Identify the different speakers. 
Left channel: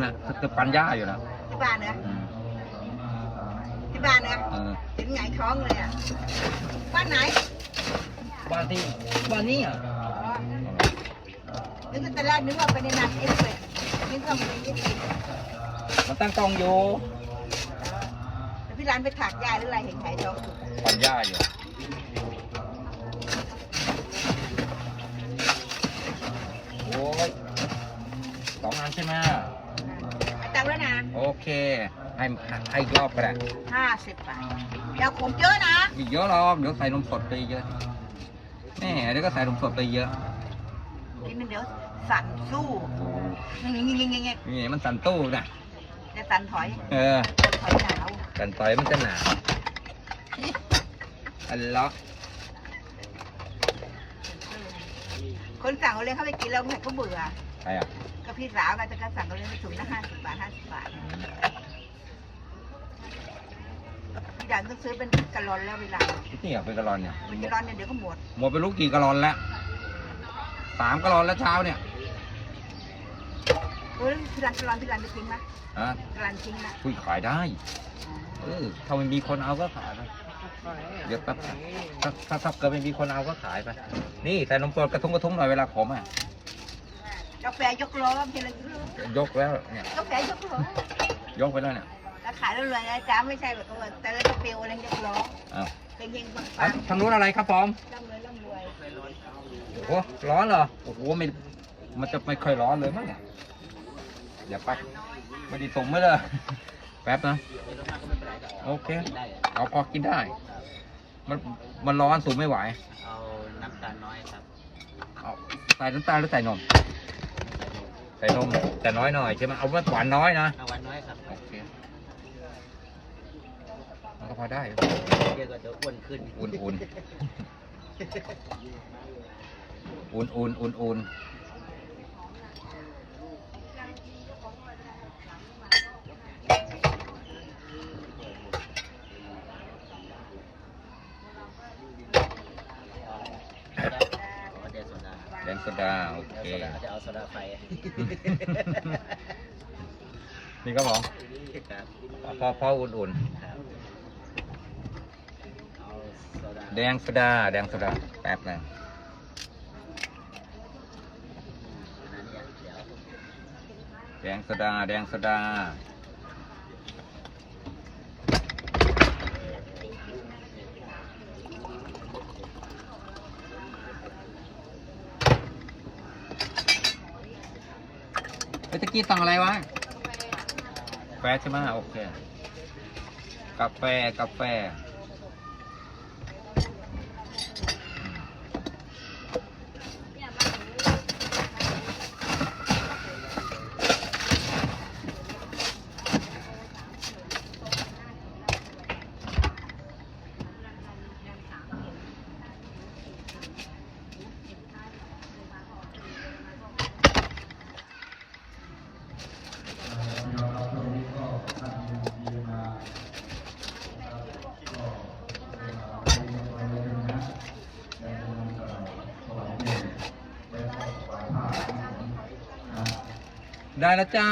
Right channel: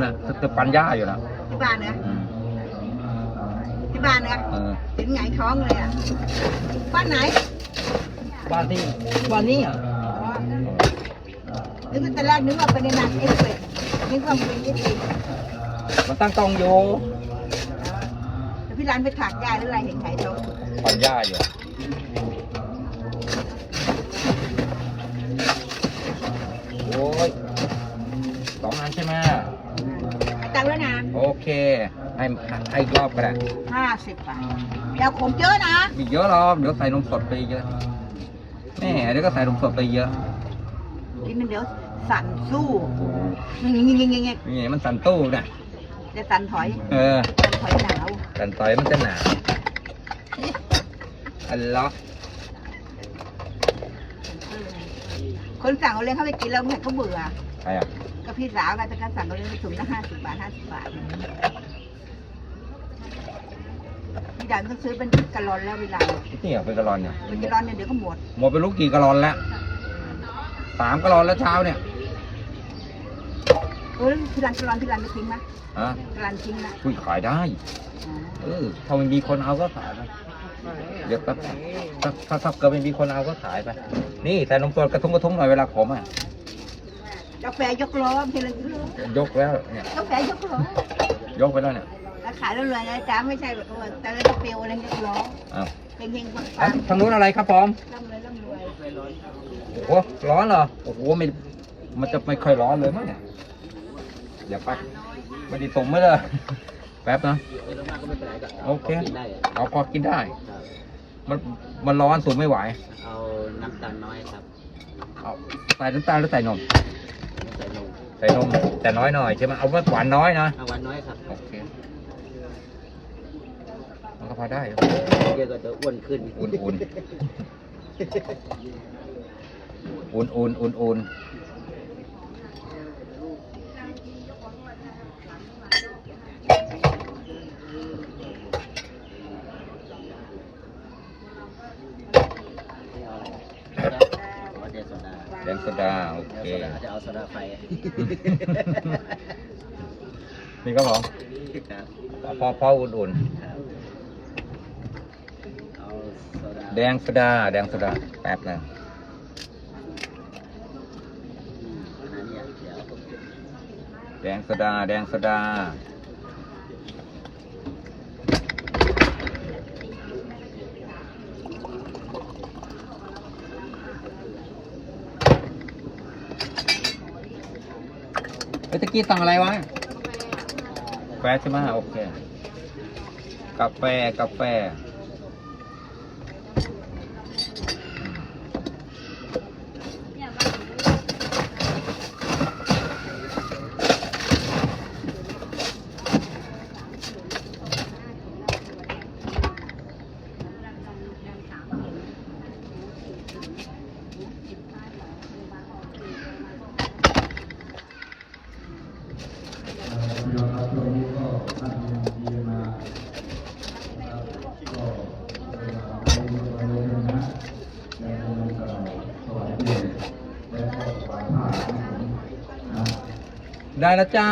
Speaker 1: นะตึกตึกปัญญาอยู่นะ
Speaker 2: ที่บ้านนะที่บ้านนะถึงไหนท้องเลยอ่ะ บ้านไหน บ้านนี้ บ้านนี้อ่ะนี่มันตลาดนี่ว่าเป็นนักเอกเลยนึกว่านเป็นยี่
Speaker 1: ปีมันตั้งตองอยู่
Speaker 2: ร้านไปถักยาหรืออะไรเห็นไหมจ๊ะ
Speaker 1: ปัญญาอยู่โอ้ยสองอันใช่ไหมโอเค ให้ให้รอบก็ได้
Speaker 2: ห้าสิบบาท เดี๋ยวผมเยอะนะ
Speaker 1: เยอะรอบ เดี๋ยวใส่นมสดไปเยอะแม่เดี๋ยวก็ใส่นมสดไปเยอะ
Speaker 2: นี่มันเดี๋ยวสันสู้นี่นี่
Speaker 1: นี่มันสั่นตู้นะจะสันถอย เออสันถอยมันจะหนาวอันล็อก
Speaker 2: คนสั่งเขาเลยเข้าไปกินแล้วเหมือนเขาเบื่อใครอ่ะก็พี่สาวกปเป็นกาสั่งเขาเลยไปถุงละห้าสิบบาทห้าสิบบาทอย่างต้องซื้อเป็นกะลอนแล้วเวลา
Speaker 1: เนี่ยเป็นกะลอนเนี่ย
Speaker 2: เป็นกะลอนเนี่ยเดี๋ยวก็หมด
Speaker 1: หมดไปลูกกี่กะลอนแล้วสามกะลอนแล้วเช้าเนี่ย
Speaker 2: เออที่ร้านกะลอนพี่ร้านจะทิ้งนะอ่ะร้านทิ้งนะ
Speaker 1: คุยขายได้ เออ ถ้ามันมีคนเอาก็ขายไปเดี๋ยวแป๊บแป๊บแป๊บก็ไม่มีคนเอาก็ขายไป นี่แต่นมปดกระทงกระทงหน่อยเวลาขมอ่ะ
Speaker 2: ยกแฝยกล้อมีอะไร
Speaker 1: ยกแล้วเนี่ยยกแฝยกล้อยกไปแล้วเนี่ย
Speaker 2: ขายแล้วเลยจ้าไม่ใช่แบบว่าแต่ละเปลวอะไรยกล้อ
Speaker 1: เออทางนู้นอะไรครับพร้อม
Speaker 2: ร่ำรวยร่ำรวย
Speaker 1: โอ้โหร้อนเหรอ โอ้โหมันมันจะไม่ค่อยร้อนเลยมั้งเนี่ยอย่าปัก ไม่ดีตรงไม่เลยแป๊บนะโอเคเอาพอกินได้มันมันร้อนสูงไม่ไหว
Speaker 3: เอา น้ำตาลน้อยครับ
Speaker 1: เอาใส่น้ำตาลหรือใส่นม ใส่นม ใส่นมแต่น้อยหน่อยใช่ไหมเอาไว้หวานน้อยนะหวานน้อยครับโอเคมันก็พอได้
Speaker 3: เดี๋ยวก็จะอ้วนขึ้น
Speaker 1: อุ่นอุ่นอุ่นๆ อุ่นๆสดาโอเคจะเอาสดาไปนี่ก็หอมพอพออุ่นๆเอาแดงสดาแดงสดา แป๊บนึงแดงสดาแดงสดาไปตะกี้สั่งอะไรวะแฟใช่ไหม โอเค กาแฟ กาแฟได้แล้วจ้า